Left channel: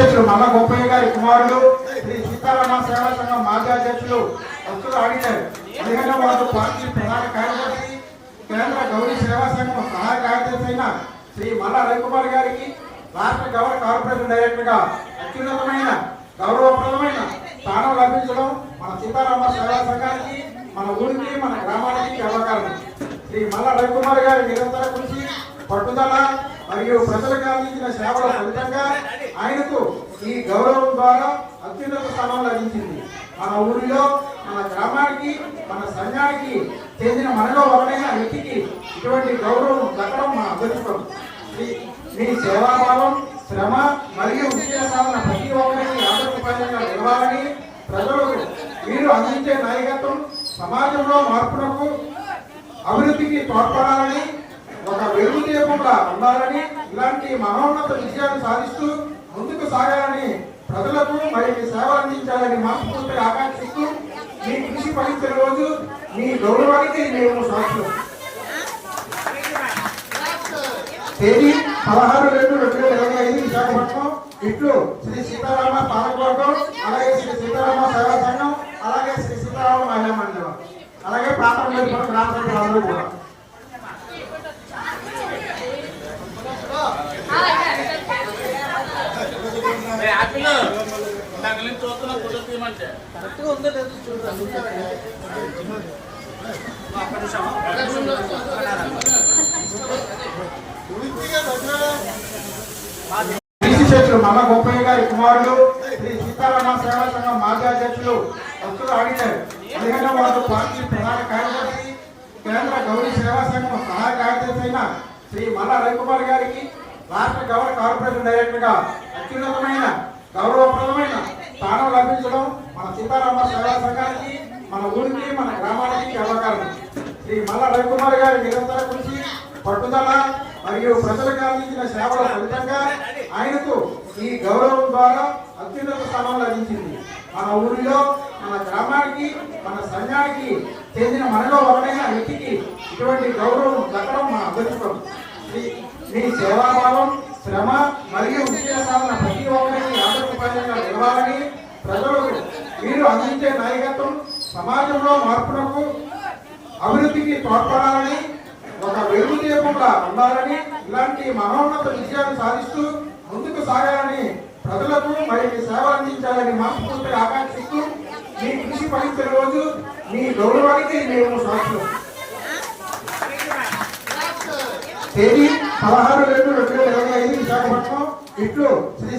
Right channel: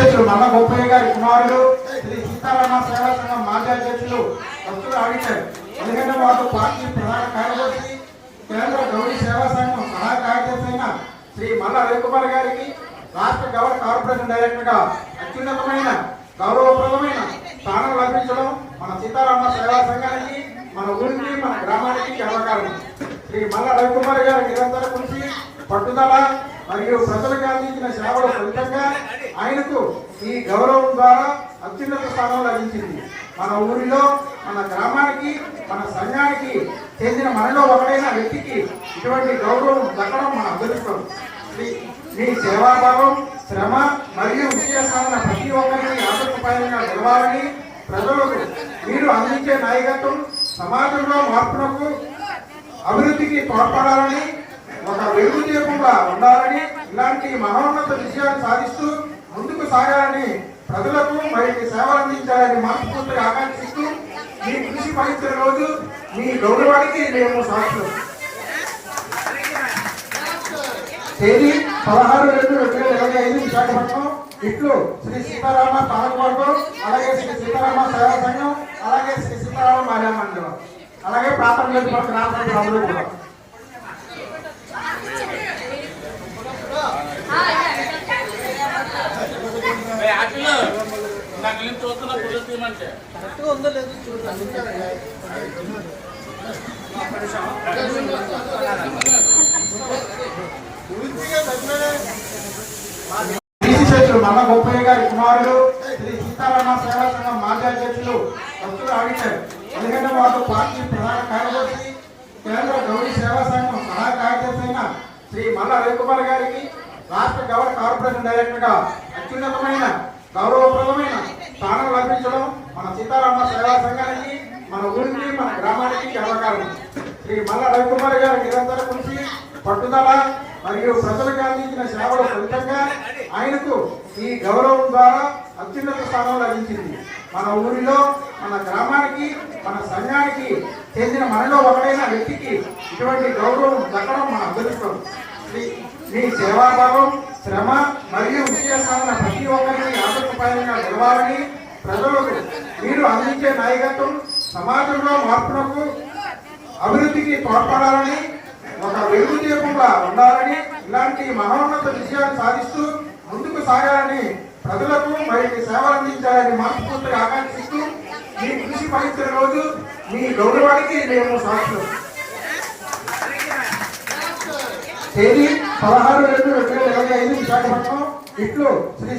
అధ్యక్షులు మల్ల గోపయ్య గారి కుమారుడు శ్రీ సీతారామ సేవా సంఘం మాజీ అధ్యక్షులు వస్తువుల ఆడిటర్ ఎందుకంటే వార్డు పార్టీ ప్రధాన కార్యదర్శి కేంద్ర గౌరీ సేవా సంఘం సహాయ కార్యదర్శి అయిన శ్రీ మల్ల రవికుమార్ గారికి రాష్ట్ర గవర్నర్ కార్పొరేషన్ డైరెక్టర్గా అత్యున్నతమైన గౌరవప్రదమైన స్థానం లభించడం మన సీతారామ సేవా సంఘానికి మన ఊరికి మన గ్రామానికి గర్వకారణం. శ్రీ మల్ల రవికుమార్ గారి నిరంతర కృషి పట్టుదల మరియు ప్రజలకు అందించిన సేవల ఫలితంగా ఆయనకు ఈ గౌరవం ద్వారా అత్యున్నత స్థానం లభించింది. మన ఊరిలో మన గ్రామానికి మన సంఘానికి చెందిన మనలో ఒకడైన వ్యక్తికి ఇటువంటి గౌరవం దక్కడం మన అదృష్టం మీ- సేవాభావం శ్రమ మరియు విశేషాలను ప్రతి ఒక్కరికి ఆదర్శపాయంగా నిలవాలని ప్రజలకు మీరు అందించే నాయకత్వం సమాజంలో మార్పునకు అభివృద్ధికి తోడ్పడాలని ఒక వెలుగు దీపంలా ఉండాలని ఇలాంటి మహోన్నత విజయాలు సాధిస్తూ ముందుకు సాగాలని ప్రజలకు మరిన్ని సేవలు అందించాలని మనస్ఫూర్తిగా ఆకాంక్షిస్తూ మీ కృషి ఫలించిన రోజు మీ గౌరవానికి మేము సాక్షులు. తేదీ పదహారు రెండు రెండు వేల ఇరవై ఐదు విశాఖపట్నం ఇట్లు శ్రీ సీతారామ పాలకవర్గం అలాగే శ్రీ సీతారామ సేవా సంఘం అలాగే శ్రీ సీతారామ మహిళా మందిరం. అలాగే ప్రాథమిక గ్రామ సభ్యులందరూ కూడా చూస్తున్న ఫోటో మల్ల గోపయ్య గారి కుమారుడు శ్రీ సీతారామ సేవా సంఘం మాజీ అధ్యక్షులు వస్తువుల ఆడిటర్ పదిహేను వార్డు పార్టీ ప్రధాన కార్యదర్శి కేంద్ర గౌరీ సేవా సంఘం సహాయ కార్యదర్శి అయిన శ్రీ మల్ల రవికుమార్ గారికి రాష్ట్ర గౌరవ కార్పొరేషన్ డైరెక్టర్గా అత్యున్నతమైన గౌరవప్రదమైన స్థానం లభించడం మన సీతారామ సేవా సంఘానికి మన ఊరికి మన గ్రామానికి గర్వకారణం శ్రీ మల్ల రవికుమార్ గారి నిరంతర కృషి పట్టుదల మరియు ప్రజలకు అందించిన సేవల ఫలితంగా ఆయనకు ఈ గౌరవం ద్వారా అత్యున్నత స్థానం లభించింది. మన ఊరిలో మన గ్రామానికి మన సంఘానికి చెందిన మనలో ఒకడైన వ్యక్తికి ఇటువంటి గౌరవం దక్కడం మన అదృష్టం. మీ- సేవాభావం శ్రమ మరియు విజయ సాధన ప్రతి ఒక్కరిని ప్రజలకు మీరు అందించే నాయకత్వం సమాజంలో మార్పునకు అభివృద్ధికి తోడ్పడాలని ఒక వెలుగు దీపంగా ఉండాలని ఇలాంటి మహోన్నత విజయాలు సాధిస్తూ ముందుకు సాగాలని ప్రజలకు మరిన్ని సేవలు అందించాలని మనస్ఫూర్తిగా ఆకాంక్షిస్తూ మీ కృషి ఫలించిన రోజు మీ గౌరవానికి మేము సాక్షులు. తేదీ పదహారు రెండు రెండు వేల ఇరవై ఐదు విశాఖపట్నం ఇట్లు శ్రీ